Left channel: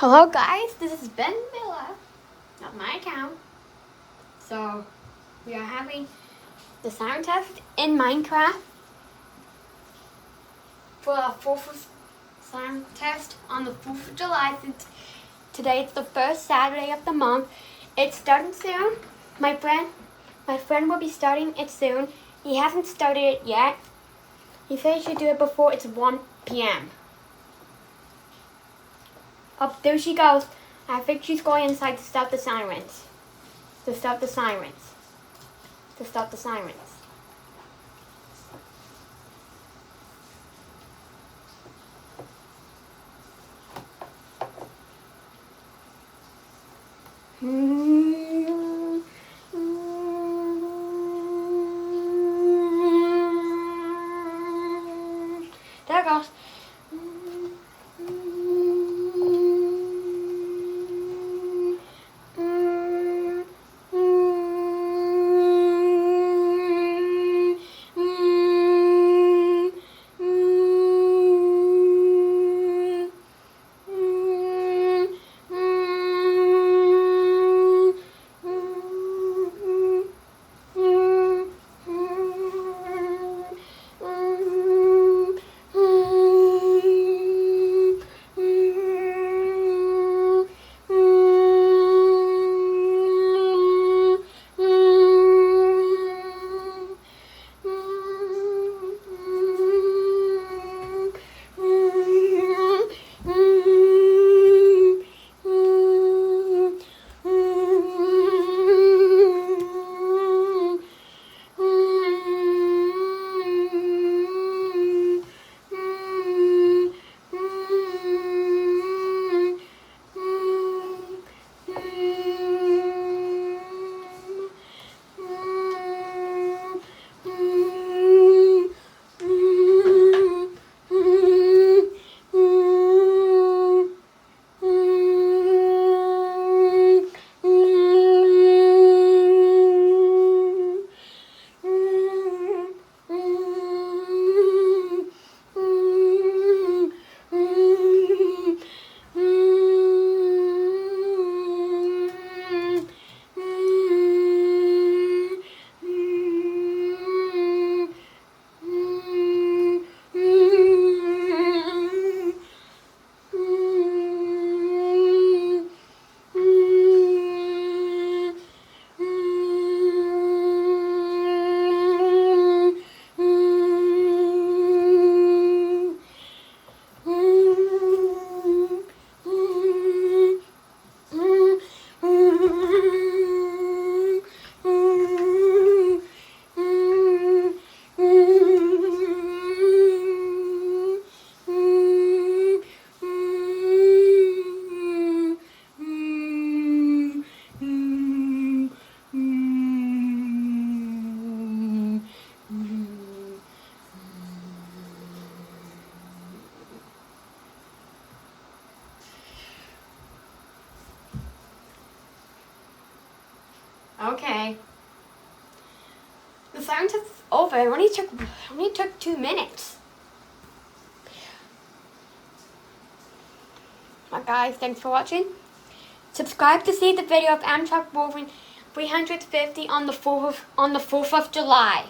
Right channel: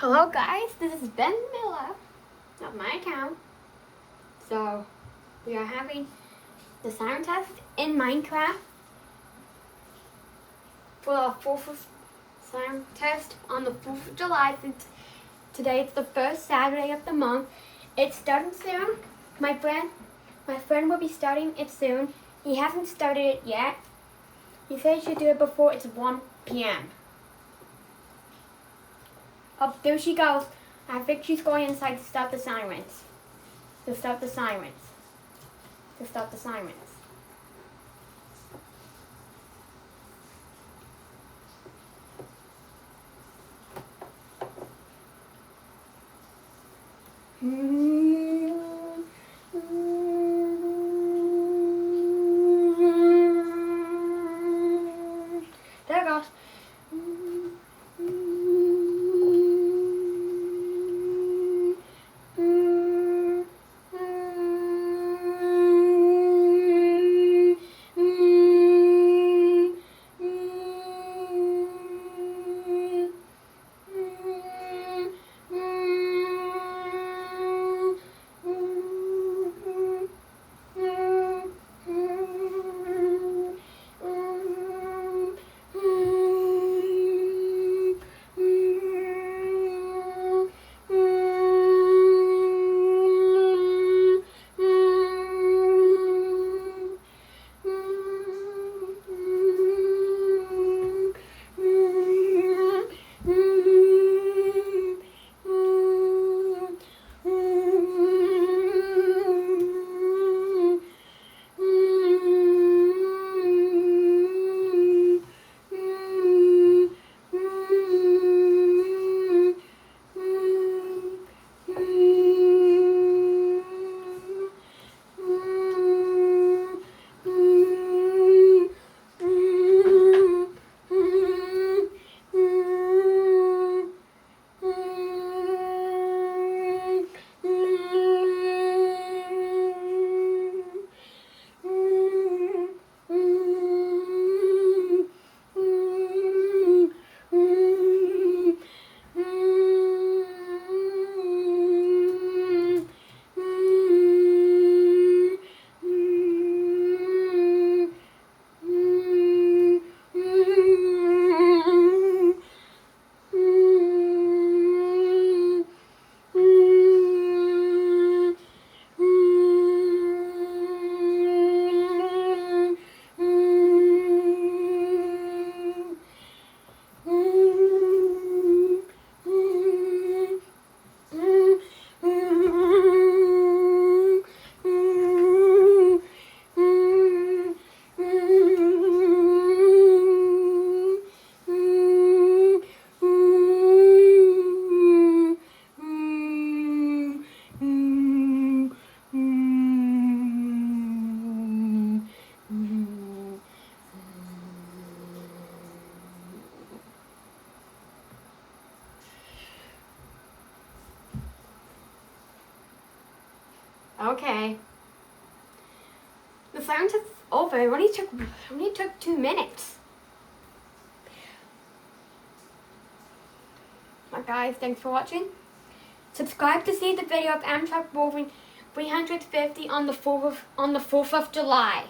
Hello guys, this is Ben Miller, not my account. So, we are having the siren test in Minecraft for our 4th siren test on the 4th of July. Since today is the first Saturday of the month. It's starting soon. My friend will be starting it soon. He hasn't started it yet. He said he should do it before it's 1 p.m. Oh, there she goes. I think she's going inside to stop the sirens. To stop the sirens. To stop the sirens. There it goes. Okay. The siren test is over. It only took 2 minutes. Alright guys, thanks for watching. Subscribe to see the video of Amtrak moving 350 on the 4th of July.